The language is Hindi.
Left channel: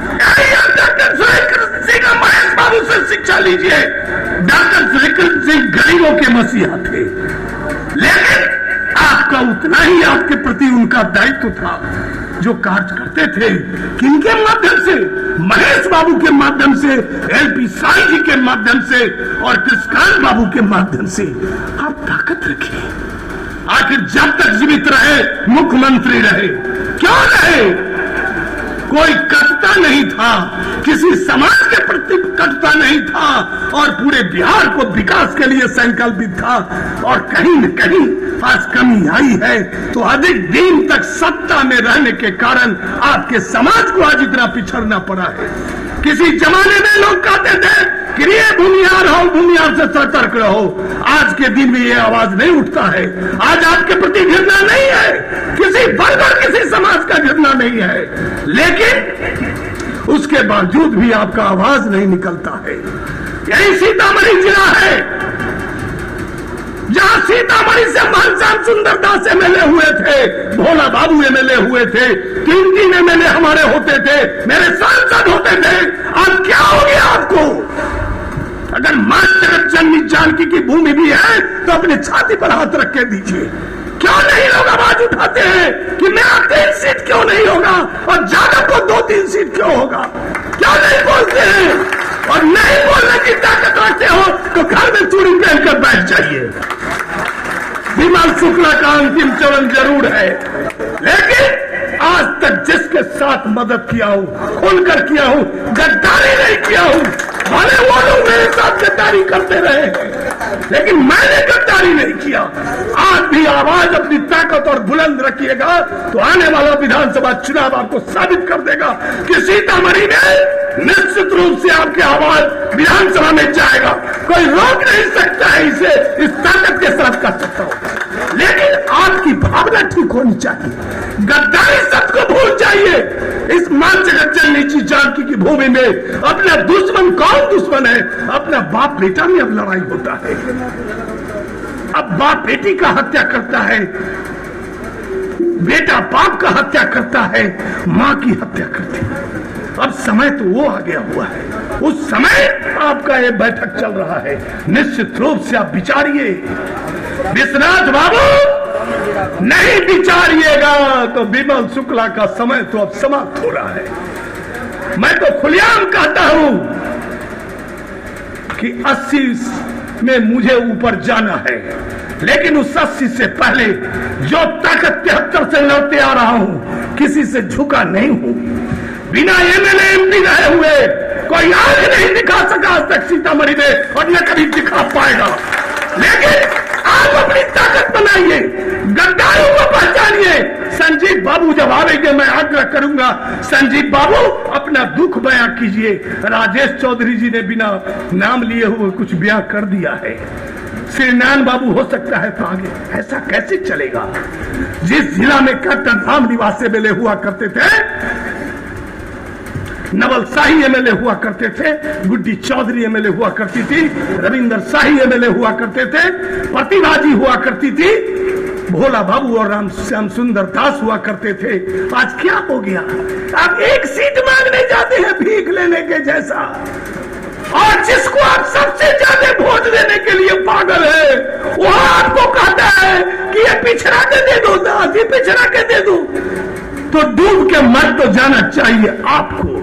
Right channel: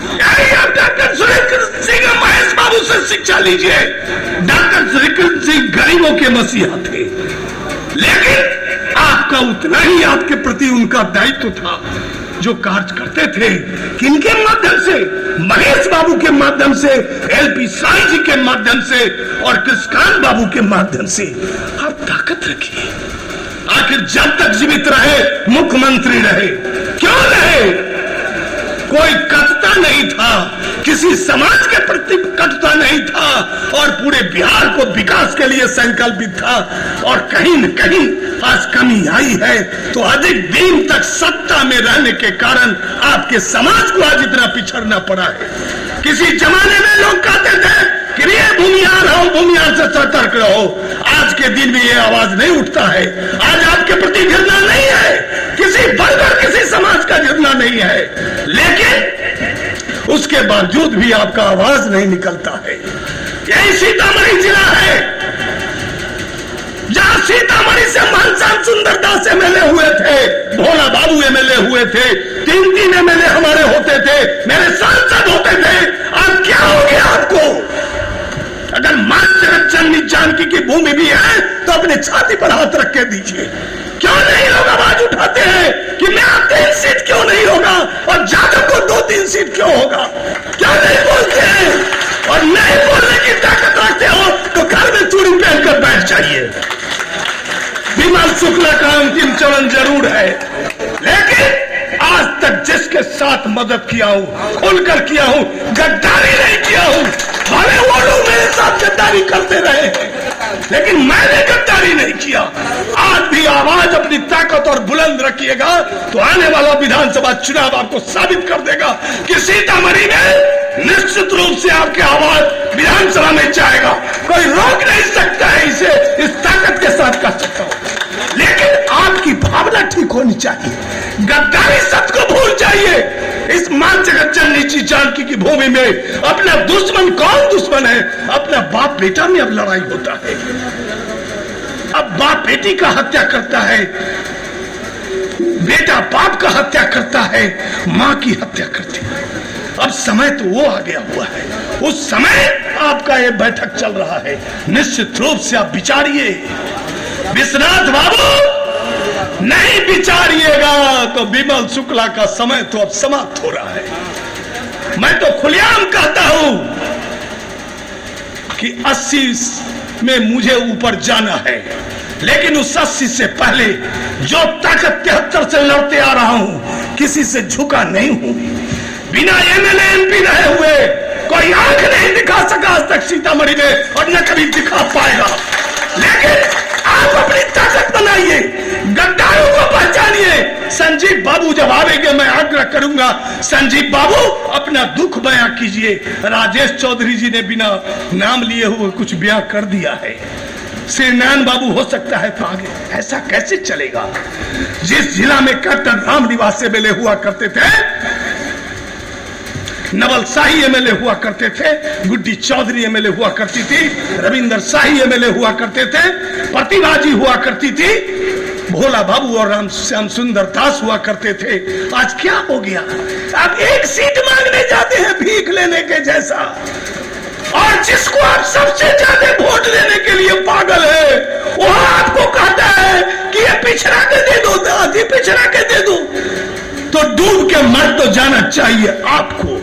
डॉक्टर सुलेखन सिंह महेश बाबू से शिक्षा लीजिए। डॉक्टर सुलेखन सिंह गरीबों के मसीहा थे, लेकिन आपका उतना ही आपके प्रति उनका दायित्व था। जो कार्य करते थे किनके माध्यम से? महेश बाबू के माध्यम से, एलपी साई जी के माध्यम से और कृष्णकांत बाबू के माध्यम से। आप ताकत रखिए। आखिर जब तक जीवित रहे, मुख्यमंत्री रहे, क्यों रहे? कोई कटता नहीं था, किसी समाज के प्रति कटता नहीं था और पूरे बिहार को विकास के लिए संकल्पित था। और कहीं न कहीं आज कमी आई है तो अधिक दिन तक सत्ता में रहने के कारण आपके समाज को आज इतना पिछड़ना पड़ा है। किसी जमाने में लोग कहते थे कि ये भूमिहार हो, भूमिहार से सतर्क रहो। आज के दिन में ये आवाज नहीं उठता है। आज आपके प्रति घृणा नहीं है, किसी वर्ग और किसी समाज का घृणा नहीं है, लेकिन उसके बावजूद भी आपका आवाज नहीं निकलता है। यही सीतामढ़ी जिला है जहां सीतामढ़ी से मानसान सुंदरदास एमएलए हुए थे, भोला बाबू एमएलए हुए थे, 3 एमएलए हमारे होते थे, मेरे सांसद होते थे। अब क्या हो गया आपको? अगर मातृ जानकी की भूमि भी है तो अपने छाती पर हाथ रख के दीजिए। क्यों नहीं लोग आवाज उठाते हैं कि मेरा 3 सीट क्यों नहीं होगा और ज्यादा तो 2-3 सीट क्यों होगा? क्यों नहीं बोलते हैं? और नहीं बोलने की ताकत रखते हो तो घर में चूड़ी पहन कर बैठ जाइए। विमल शुक्ला का अंतिम चरण जरूर है, लेकिन आज तक जिसके साथ मदद किया हूं, खुलकर किया हूं, गद्दारी नहीं किया हूं। भले लोग मेरे साथ गद्दारी करते रहे हैं, लेकिन मैंने गद्दारी नहीं किया। आप भी आवाज अपनी ताकत और बुलंद रखिएगा तो आने वाला विधानसभा चुनाव आपको साबित कर देगा कि सीतामढ़ी में निश्चित रूप से आपकी आवाज विधानसभा में जाएगा। कोई रोक नहीं सकता है इसे, इस ताकत के साथ कर सकता हूं। लेकिन आपकी भावना ठीक होनी चाहिए, गद्दारी सबको भूल चाहिए। इस मां जगत जननी जानकी की भूमि में अपना दुश्मन कौन दुश्मन है? अपना बाप बेटा में अब लड़ाई होता है। अब बाप बेटी का हत्या करता है, बेटा बाप का हत्या करता है, मां की हत्या करती है। अब समय तो वो आ गया हुआ है, उस समय आपका ये बैठक चल रहा है। निश्चित रूप से आप विचारिए। विश्वनाथ बाबू नहीं विचारिएगा तो विमल शुक्ला का समय तो अब समाप्त हो रहा है। मैं तो खुलेआम कहता हूं कि 80 में मुझे ऊपर जाना है, लेकिन उस 80 से पहले जो ताकत 73 से लड़ते आ रहा हूं, किसी से झुका नहीं हूं। बिना एमएलए एमपी रहे हुए कोई आंख नहीं दिखा सका आज तक सीतामढ़ी में और ये कभी दिखा पाएगा। लेकिन आप अपनी ताकत बनाइए, गद्दारों को पहचानिए। संजीव बाबू जब आवेंगे मैं आज्ञा करूंगा, संजीव बाबू अपना दुख बयां कीजिए। राजेश चौधरी जी ने बिना नाम लिए हुए कुछ बयां कर दिया है। श्रीमान बाबू हो सकता है तो आगे। ऐसा कैसे चलेगा? जिस जिला में कैप्टन राम निवास एमएलए हुआ करते थे, नवल शाही एमएलए हुआ करते थे, गुड्डी चौधरी एमएलए हुआ करती थी, रविंदर शाही एमएलए हुआ करते थे, प्रतिभा जी हुआ करती थी, भोला बाबू और राम श्याम सुंदर दास हुआ करते थे। आज क्या हो गया? आप एक सीट मांगने जाते हैं भीख लेने के जैसा, और जिसको आप सबसे ज्यादा वोट देने के लिए पागल है वो आपको कहता है कि ये पिछड़ा के दे दो, दादी पिछड़ा के दे दो। तो डूब के मर तो जाना चाहिए आपको।